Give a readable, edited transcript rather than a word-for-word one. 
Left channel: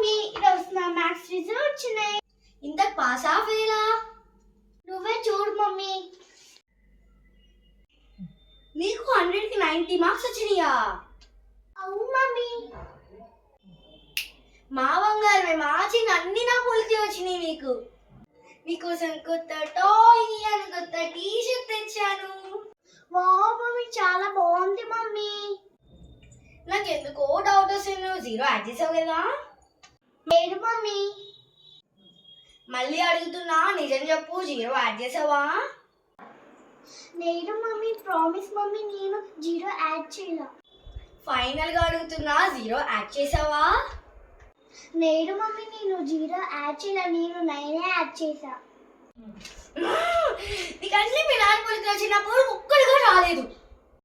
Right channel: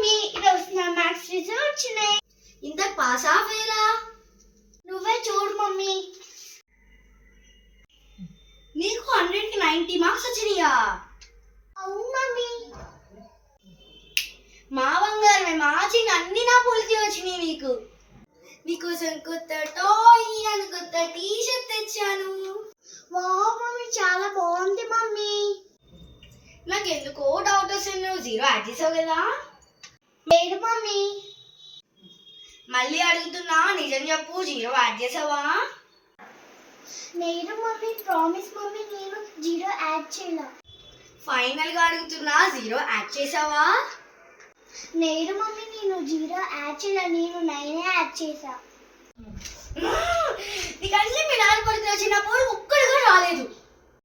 Mummy ఈరోజు నా maths result వచ్చినాయి. ఇంత పాసా ఫెయిలా? నువ్వే చూడు మమ్మీ. నీకు 100కి 90 మార్క్స్ వచ్చినాయా? అవును మమ్మీ. మా బంగారమే, మా చిన్న అన్ని నా పోలికి వచ్చినాయి. నీకోసం కొత్త టాయ్ అని కొత్త టీ షర్ట్ తెచ్చాను. వావ్ మమ్మీ, చాలా బాగుంది మమ్మీ. నాకెందుకో డౌట్ వస్తుంది, నువ్వు 0 యాడ్ చేసావు కదా? లేదు మమ్మీ. మళ్ళీ అడుగుతున్నా, నిజం చెప్పు, 0 యాడ్ చేసావా? లేదు మమ్మీ, ప్రామిస్ మమ్మీ, నేను 0 యాడ్ చేయలా. ఫైనల్ గా అడుగుతున్నా, 0 యాడ్ చేసావా? లేదు మమ్మీ, నేను 0 యాడ్ చేయలా, నేను 9 యాడ్ చేసా. నీకు అన్ని మీ నాన్న పలికి వచ్చినప్పుడు ఒక్కడుగా రాలేదు.